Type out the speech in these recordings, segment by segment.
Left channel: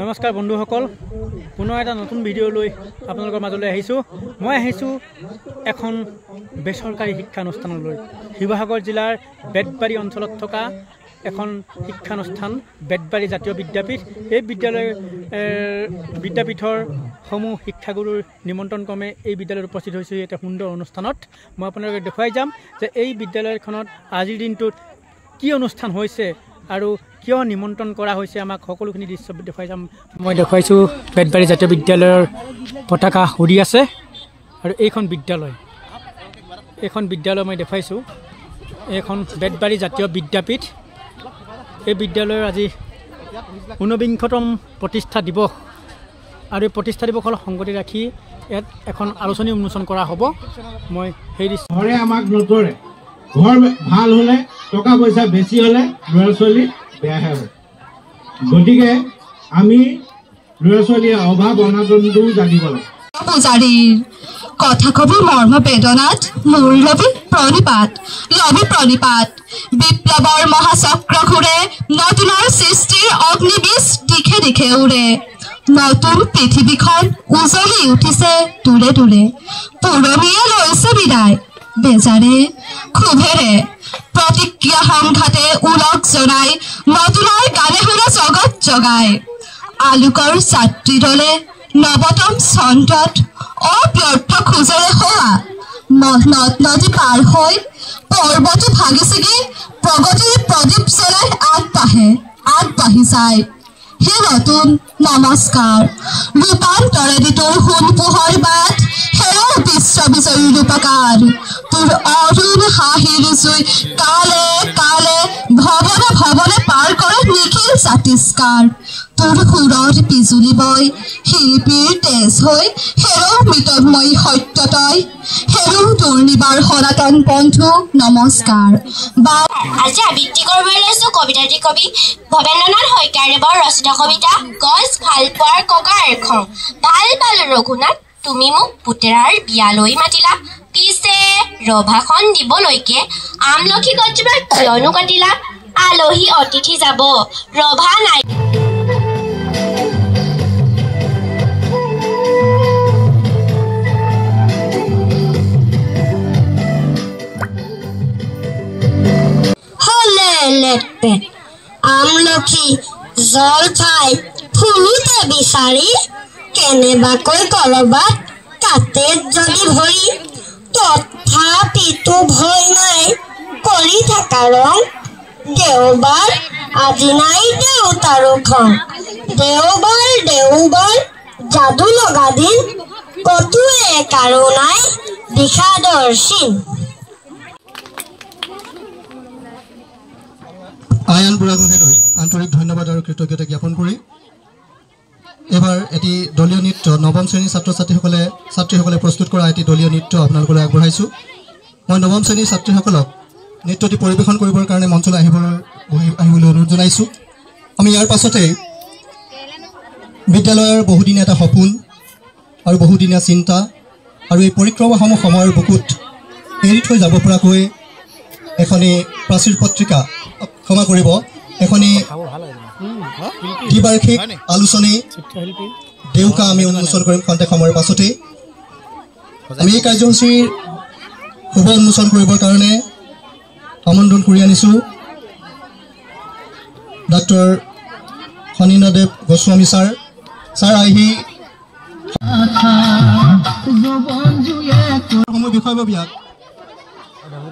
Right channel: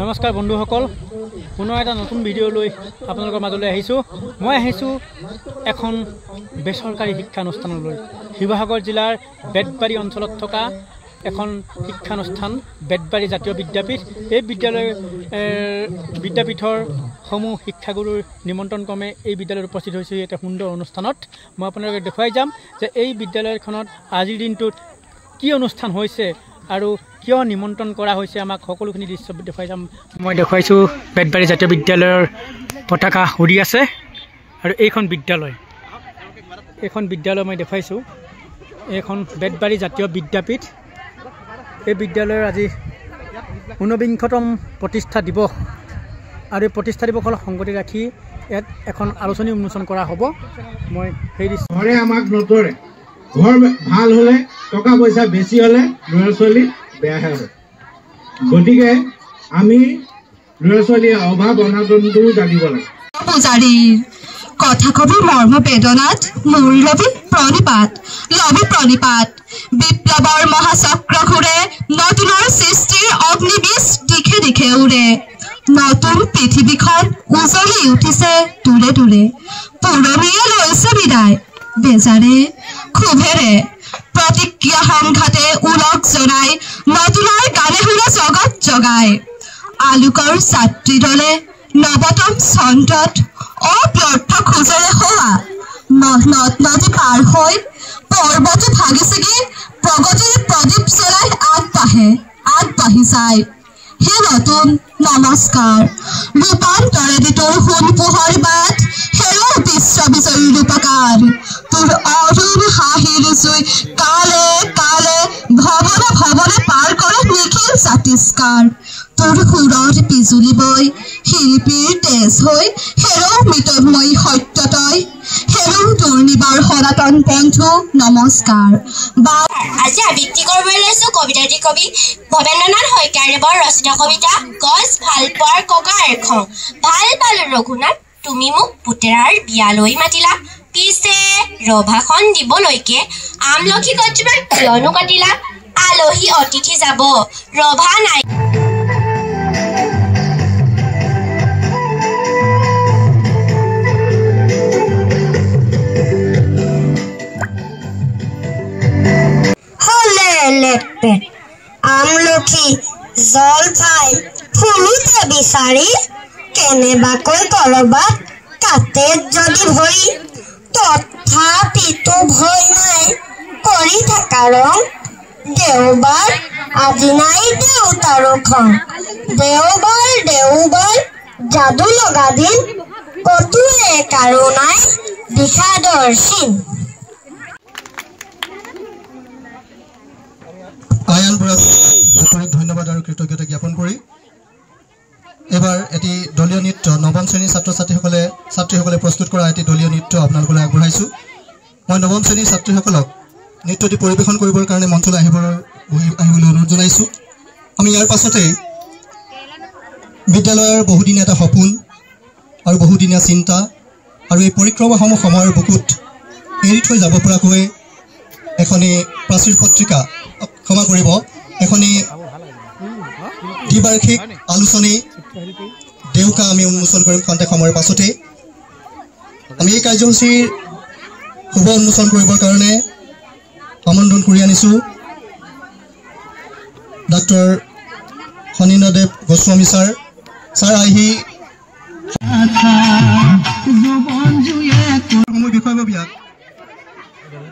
নমস্কাৰ বন্ধুসকল, পুনৰ এটা নতুন ভিডিঅ' লৈ আপোনালোকৰ মাজলৈ আহিছোঁ। মই আহিছোঁ এখন বেচৰকাৰী শিক্ষানুষ্ঠানলৈ। শিৱসাগৰ জিলাৰ বেতবাৰী অঞ্চলত থকা এখন শিক্ষানুষ্ঠান বেতবাৰী জাতীয় বিদ্যাপীঠ। এই বিদ্যাপীঠৰ সমূহ শিক্ষাগুৰুৰ নিমন্ত্ৰণ ক্ৰমে এই বিদ্যালয়ত উপস্থিত হৈছোঁ। এটা সুন্দৰ অনুষ্ঠানত মই আপোনালোকক দেখুৱাই যাম যে এই বিদ্যালয়খনত আজিৰ দিনটোত কি অনুষ্ঠান হৈছে আৰু কিয় নিমন্ত্ৰণ কৰা হৈছে, আমাক সকলোখিনি দৃশ্য দেখুৱাই যাম। মই দেখুৱাইছোঁ বেতবাৰী জাতীয় বিদ্যালয়ৰ পতাকা উৰি আছে আৰু এইখন বিদ্যালয় মই দেখুৱাইছোঁ। এইখন বেতবাৰী জাতীয় বিদ্যাপীঠ। এই বিদ্যালয়ৰ আজি 49তম প্ৰতিষ্ঠা দিৱস আৰু এই প্ৰতিষ্ঠা দিৱসৰ সংগতি ৰাখি ইয়াত এখন আলোচনী উন্মোচন কৰা হ'ব। মই সেই ঘৰে আমাক নতৰে, ঘৰ ভাল হ'লে টকা পইচা বেছি হ'লে ল'ৰা ছোৱালী বেয়াহে হয়। গতিকে আমি ল'ৰা ছোৱালীৰ অভাৱ অনাটনটো জানিব লাগে। পূজাৰীৰ কথা কবি মৰ্ম বেদনাত মোৰ লবি প্ৰণিপাত বিপ্লৱৰ মহাচক্ৰ ঘূৰে, নতুনৰ সৃষ্টিৰ অগ্নিবীজ দিশে দিশে উৰে। নতুন পৃথিৱীখন উজলি উঠিছে দূৰে দূৰে, পুৰণিয়ে লৈছে বিদায় বেজাৰে ক্ষোভেৰে। প্ৰতিক্ৰিয়া সংঘাতে উলক জনাই, নতুনৰ গানে শুনে জগত জগাই। আলোকৰ ছাত্ৰী দলে নৱতম চন্দ্ৰত অব্যৰ্থ খোজেৰে হোৱা, নদ নদী পাৰ হৈ পৰ্বতো ভাগি ছিগি প্ৰগতিৰ প্ৰদীপ জ্বলাই আগবাঢ়ি যায়। হে নতুন নমস্কাৰ, ৰূপান্তৰে তোৰ সোণ পোহৰ বাট, হেৰৌ বিশ্ববিজয়ী ৰূপকাৰ। তোৰ অৰুণ হাঁহিৰ জুই কালে কালে ভৱনে ভৱনে পাৰ কৰে নিখিল জাতিষ্কাৰ। তোৰ সুৰত বিজুলী বৈ শিল্পীৰ তেজ হৈ, হেৰৌ মৃতময়ী সত্য তই, হেৰৌ তোৰ নিবাৰ সনাতন বন্ধু নমস্কাৰ। আজি আবৃত্তি কৰিবলৈ লৈছো কবিতাটি কবি ভৱেন্দ্ৰনাথ শইকীয়াদেৱৰ ৰচিত কবিতা গছ ভাল পোৱাৰ ককাৰ খন। ভাল পালো ৰঘুনাথ, তুমি মোক পুতেৰাৰ বিয়ালৈ মাতিলা, পিছে ৰভাখন দিবলৈকে আমলখি গছজোপা কিয়নো কাটিলা। আলহী অতিথি যাব ৰভা নাই। আমলখি জলফাই ফুলোতে বিচাৰি, কেনেবাকৈ কৰবাত কাটে যদি ভৰি। তথাপিতো ভয় নাই কৰি থকা ৰং, দেওবাৰ আজি নাই দেউতাৰো খং। দেওবাৰ যাদু লগা দিন, কতোৱে কাৰো নাই বিষাদৰ চিন। আয়ান বুঢ়াগোহাঁইক আন্তৰিক ধন্যবাদ আৰু কৃতজ্ঞতা জ্ঞাপন কৰি এবাৰ এটি দলীয় নৃত্য নৱম শ্ৰেণীৰ ছাত্ৰ ছাত্ৰীসকলে প্ৰস্তুত কৰা এটি দলীয় নৃত্য আপোনালোকলৈ আগবঢ়াইছোঁ। মই নৱম শ্ৰেণীৰ ছাত্ৰীসকলক নৃত্যটি পৰিৱেশন কৰিবৰ কাৰণে মঞ্চলৈ আহিবলৈ অনুৰোধ জনাইছোঁ। আমি ইয়াৰ পাছতেই বিদ্যালয়ৰ বহুদিনীয়া এটা সপোন আৰু বহুদিনীয়া চিন্তা আৰু এই পৰিক্ৰমাসমূহ সময়ৰ বুকুত এৰি থৈ যাব পৰাকৈ এখনি প্ৰাচীৰ পত্ৰিকা, ক্ষমা কৰিব, এখনি দ্বিবাৰ্ষিক আলোচনী দেউকা আমি উন্মোচন কৰিম খন্তেক সময়ৰ পাছতেই। আমি এই কাৰ্যসূচীৰ শুভ উন্মোচন কৰিবৰ কাৰণে আমন্ত্ৰণ কৰি আনিছোঁ ডক্টৰ ফণীন্দ্ৰদেৱ গোস্বামী ছাৰ আহি বিষয়ববীয়াক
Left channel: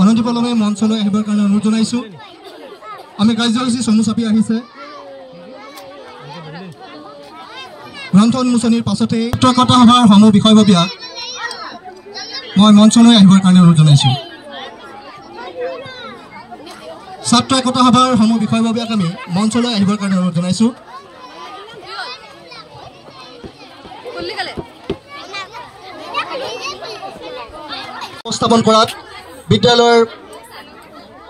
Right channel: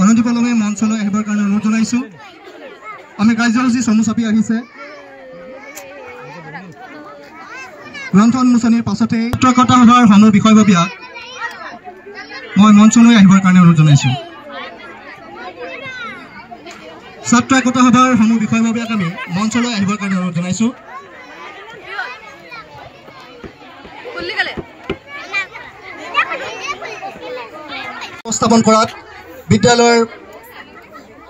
অনন্ত পলমে মঞ্চলৈ আহিবৰ কাৰণে অনুৰোধ জনাইছোঁ। আমি কাৰ্যসূচী চমু চাপি আহিছে। গ্ৰন্থ উন্মোচনীৰ পাছতেই চিত্ৰকথা সভাৰ সমূহ বিষয়ববীয়াক মই মঞ্চলৈ আহিবৰ কাৰণে অনুৰোধ জনাইছোঁ। ছাত্ৰ একতা সভাৰ সমূহ বিষয়ববীয়াক আমি মঞ্চলৈ আহিবৰ কাৰণে অনুৰোধ জনাইছোঁ। উপস্থাপন কৰাত বিদ্যালয়ৰ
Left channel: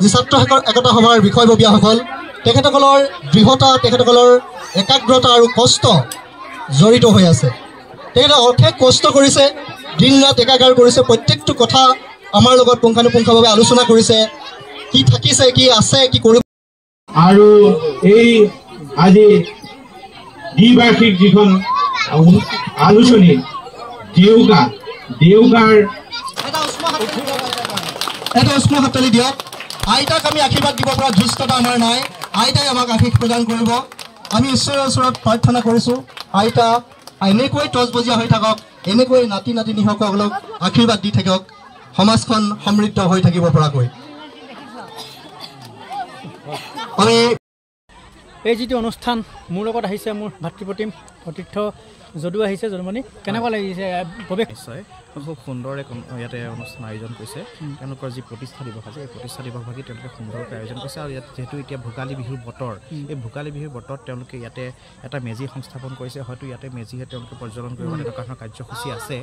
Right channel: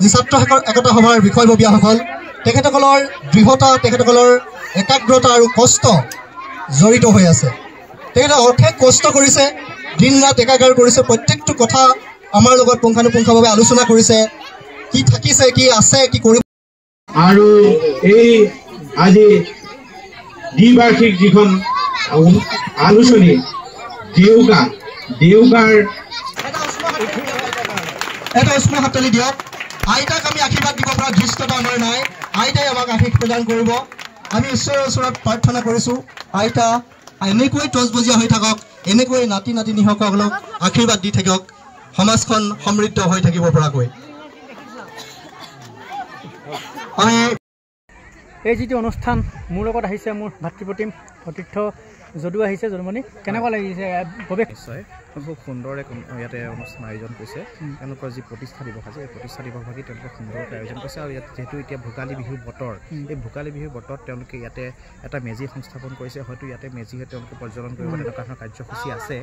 যি ছাত্ৰ একতা সভাৰ বিষয়ববীয়াসকল, তেখেতসকলৰ দৃঢ়তা, তেখেতসকলৰ একাগ্ৰতা আৰু কষ্ট জড়িত হৈ আছে। তেখেতে অশেষ কষ্ট কৰিছে, দিন ৰাত একাকাৰ কৰিছে, প্ৰত্যেকটো কথা আমাৰ লগত পুংখানুপুংখভাৱে আলোচনা কৰিছে, কি থাকিছে, কি আছে, কি কৰিব। আৰু এই আজি দ্বিবাৰ্ষিক যিখন আলোচনী দেউগাৰ এটা উষ্ম হাততালি দিয়ক। আইতাক আমি আশীৰ্বাদ দিব পৰা ধৃষ্টতা আমাৰ নাই। আইতাই আমাক আশীষ প্ৰদান কৰিব। আমি ঈশ্বৰৰ ওচৰত প্ৰাৰ্থনা কৰিছোঁ, আইতা এনেকৈ তজবজীয়া হৈ থাকক, এনেকৈ নাতি নাতিনীসকলক আশীৰ্বাদ দি থাকক, সমাজখন সমৃদ্ধ হৈ থাকিব পৰাকৈ। আমি এই যিটো অনুষ্ঠান মোৰ লগত আহিছে মোৰ ভাতৃপ্ৰতিম সতীৰ্থ যদু আহিছে। যদুমণি, কেনেকুৱা লাগিছে প্ৰৱেশ? নিশ্চয় খুব সুন্দৰ ইয়াতে অনুষ্ঠান আয়োজন কৰিছে। তেওঁলোকৰ যি প্ৰতিষ্ঠা দিৱস আছে এই প্ৰতিষ্ঠা দিৱসভাগি তেওঁলোকে সুন্দৰকৈ আয়োজন কৰিছে। আৰু ইয়াত যিহেতু এতিয়া ভোগালী বিহুৰ বতৰ, এই ভোগালী বিহুৰ বতৰত তেওঁলোকে ইয়াতে এটা মেজি সংস্থাপন কৰিছে। হয়তো ইয়াতে মেজিহে তেওঁলোকে পৰ্যটন কৰিব তেনেকুৱা ধৰণৰ কাৰ্যসূচী আছে।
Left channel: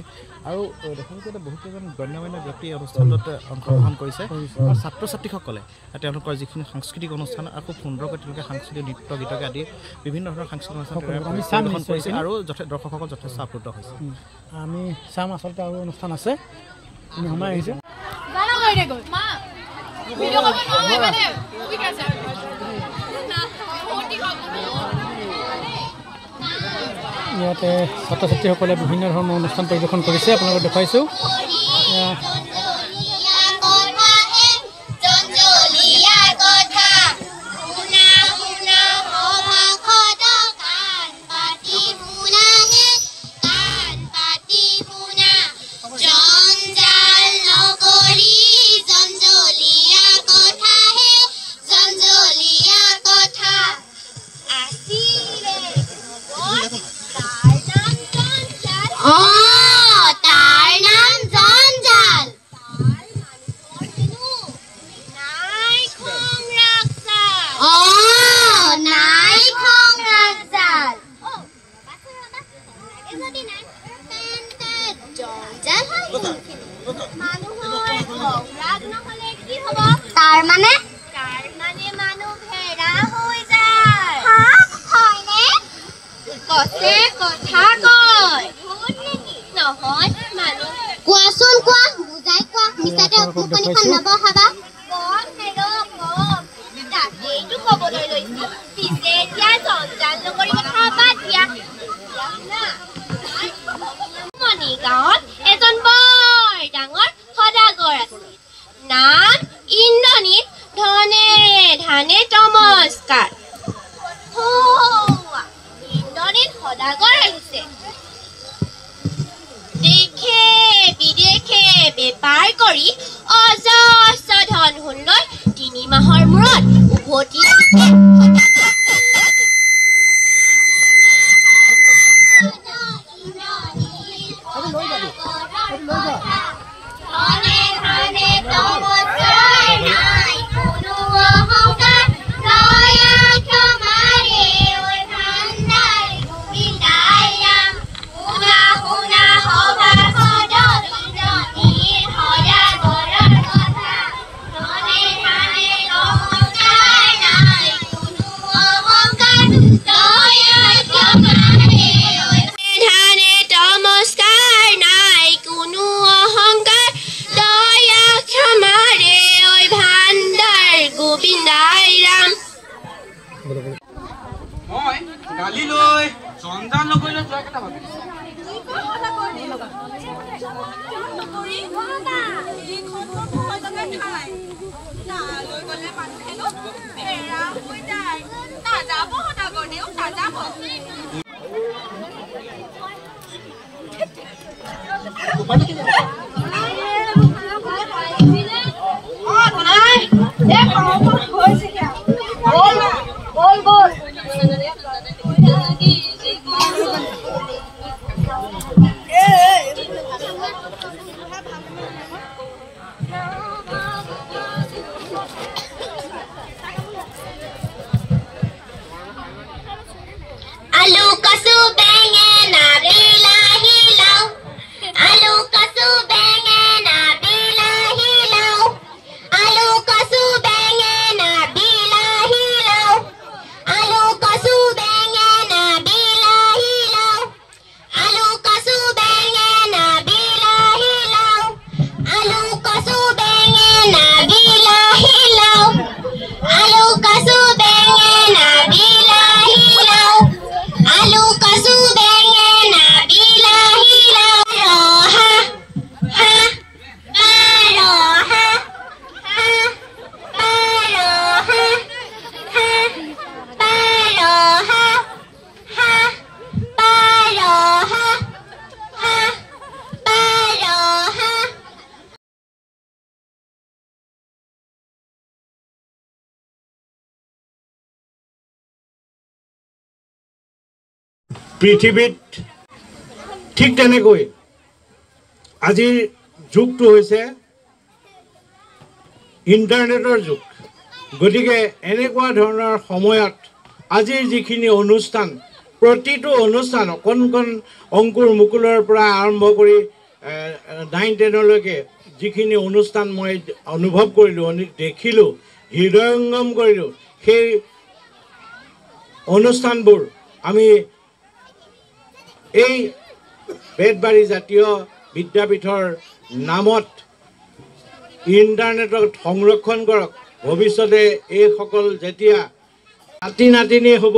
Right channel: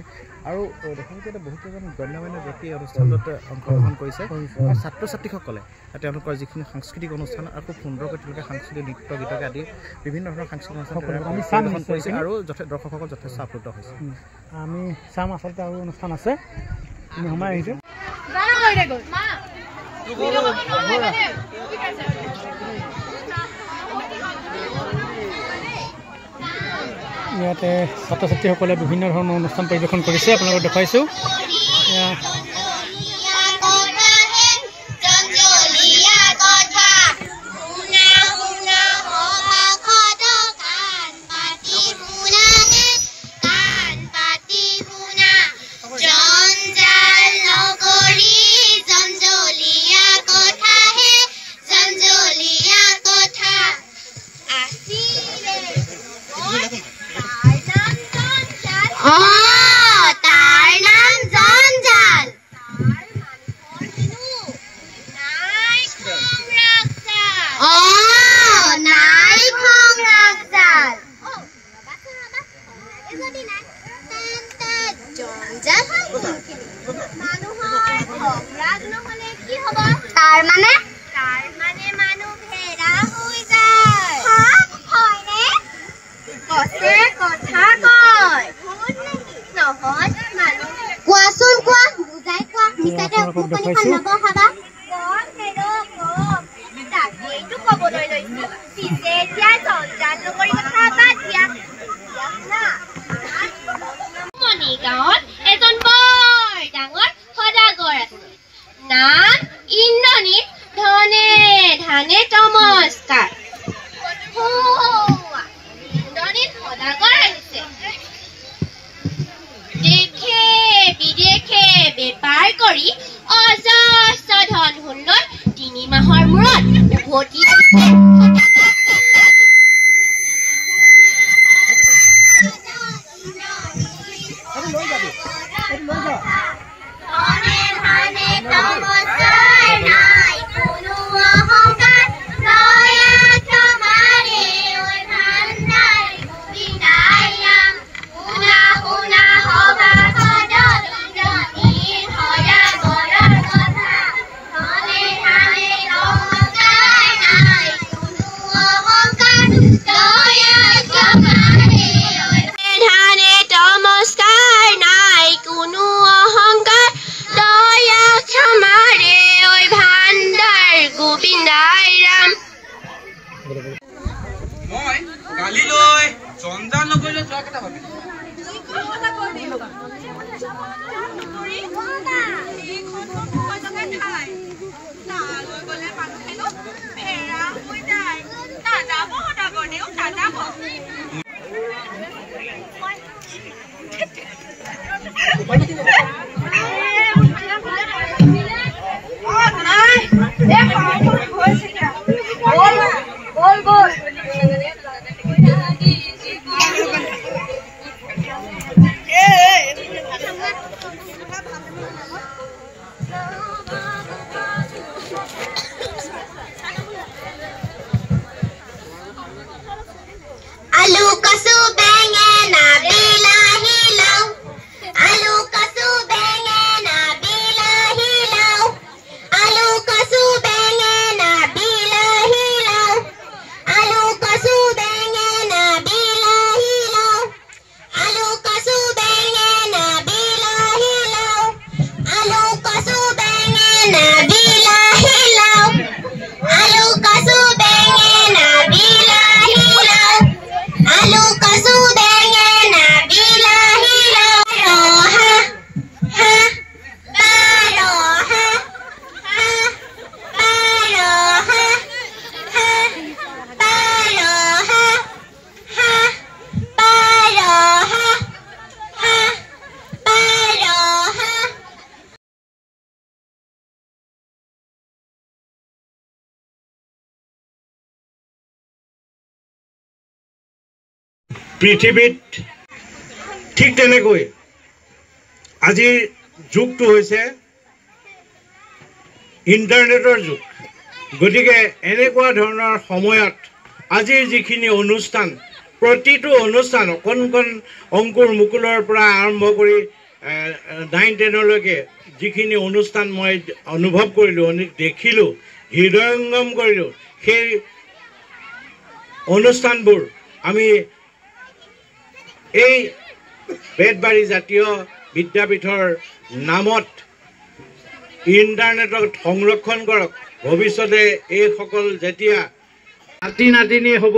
আৰু দেখিছে বহুকেইজন গণ্যমান্য ব্যক্তি এই অনুষ্ঠানটোত অংশগ্ৰহণ কৰিছে। আৰু ছাত্ৰ ছাত্ৰীসকলে তেওঁলোকৰ যিখিনি সাংস্কৃতিক অনুষ্ঠান আৰু খুব সুন্দৰকৈ তেওঁলোকে সাংস্কৃতিক নৃত্য গীতকে আদি বিভিন্ন ধৰণৰ সাংস্কৃতিক অনুষ্ঠান পৰিৱেশন কৰিছে আৰু দৰ্শকসকল যথেষ্ট আপ্লুত হৈছে। আমি চাম, আচলতে আৰু অনুষ্ঠান আছে। আমি সোমাই আহিছোঁ। ইয়াতে ছাত্ৰ ছাত্ৰীসকলে বিভিন্ন ধৰণৰ অনুষ্ঠান পৰিৱেশন কৰিছে, আপোনালোকক দেখুৱাইছোঁ। গাঁৱত এজন বৰ ডাঙৰ সদাগৰ আছে, নাম ইন্দ্ৰনীল। ধনে ধানে নমস্কাৰ। ইন্দ্ৰনীল সদাগৰ আহিছে। দেশে বিদেশে বেপাৰ কৰি অজস্ৰ ধন সোণ 3 মাহৰ মূৰত উভতি Aluka পৃথিৱীত ঠিক তেনেকৈ আজিৰ যুগটো হৈছে ইণ্টাৰনেটৰ যুগ গতিকে এনেকুৱা ধৰণৰ সময়ত আজিৰ যিখিনি অনুষ্ঠান প্ৰতিটো অনুষ্ঠান অকণ অংকুৰ মুকুলৰ পৰা আৰম্ভ কৰি 9-10লৈকে যিখিনি অনুষ্ঠান মই অনুভৱ কৰিলোঁ দেখিলোঁ হৃদয়ংগম কৰিলোঁ সেই অনুষ্ঠানবোৰ আমি এই বেতবাৰী জাতীয় বিদ্যাপীঠৰ নামত ইণ্টাৰনেটত সংৰক্ষণ কৰক ভৱিষ্যতে এইসকল যেতিয়া নাতিনী হ'ব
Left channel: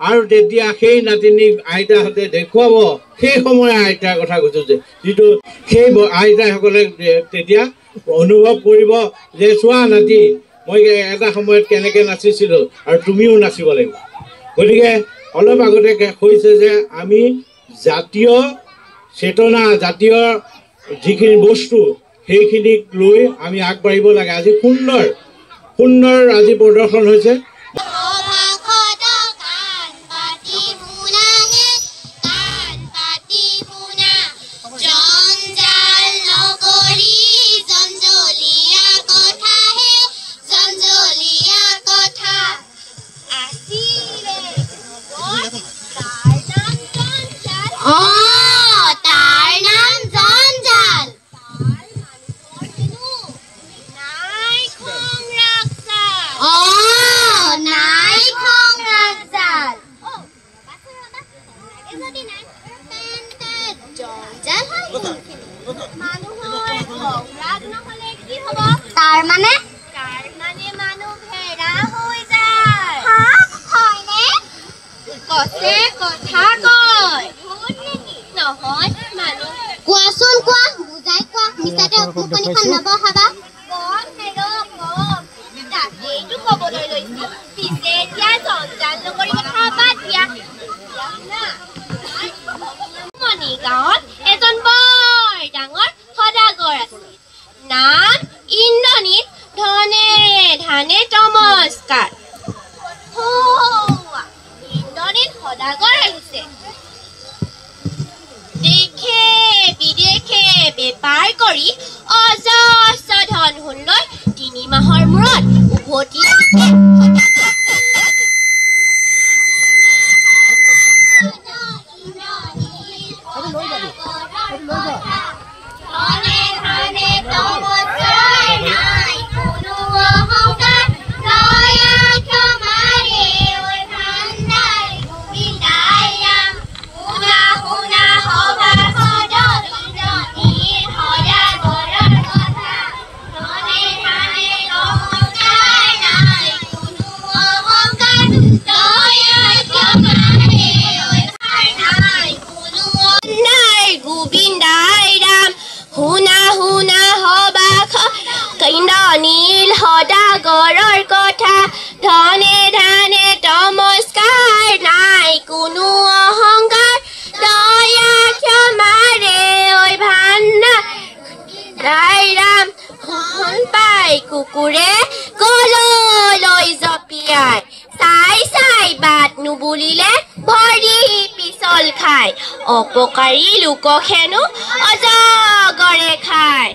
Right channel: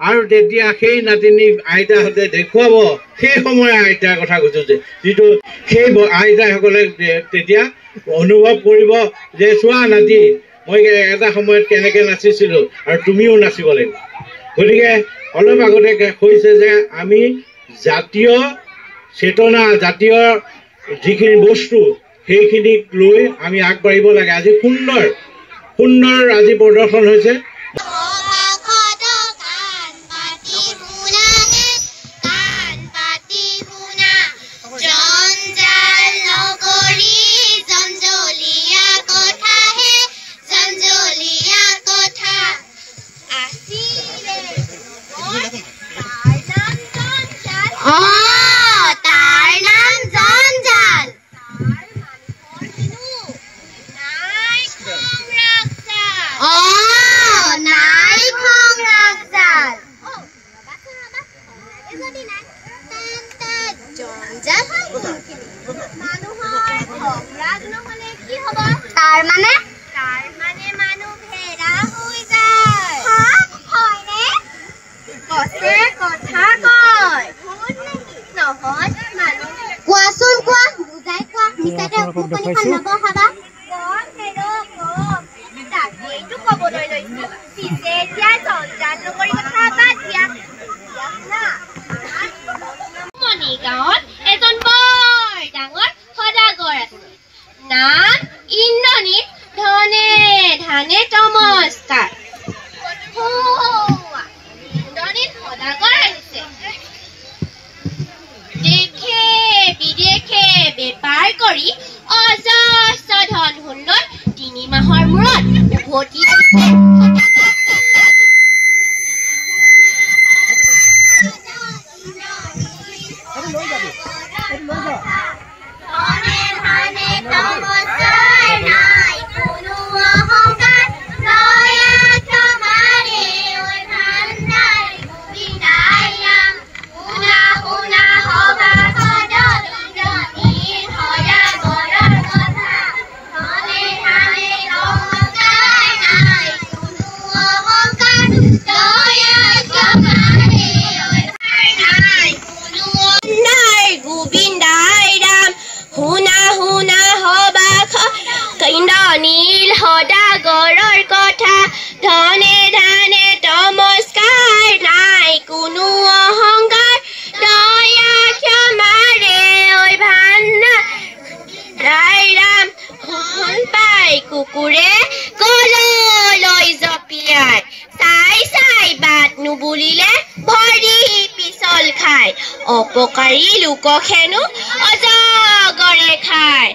আৰু তেতিয়া সেই নাতিনীক আইতাহঁতে দেখুৱাব সেই সময়ৰ আইতাৰ কথা কৈছোঁ যে যিটো সেই আইতাসকলে তেতিয়া অনুভৱ কৰিব যে চোৱা নাতি মই এটা সময়ত কেনেকৈ নাচিছিলোঁ আৰু তুমিও নাচিব লাগিব গতিকে অলপ আগতে কৈছে যে আমি জাতীয় চেতনা জাতীয় যিখিনি বস্তু সেইখিনিক লৈ আমি আগবাঢ়িব লাগে আজি সুন্দৰ আজি প্ৰদৰ্শন হৈছে গাঁৱত এজন বৰ ডাঙৰ সদাগৰ আছে নাম ইন্দ্ৰনীল ধানে নমস্কাৰ ইন্দ্ৰনীল সদাগৰ আহিছে দেশে বিদেশে বেপাৰ কৰি অজস্ৰ ধন সোণ 3 মাহৰ মূৰত উভতি ইন্দ্ৰনীল সদাগৰৰ কথা ধনে ধানে নমস্কাৰ নাই কোনো অহংকাৰ দয়া ক্ষমাৰে ঐ ভাণ্ডাৰ ৰাই ৰাম হন পাই কুকুৰে কললৈ জপিয়াই চাই বাট নুবুলিলে ভৰি পিছল খায় অপকাৰী লোকক হেনো অজগৰে খায়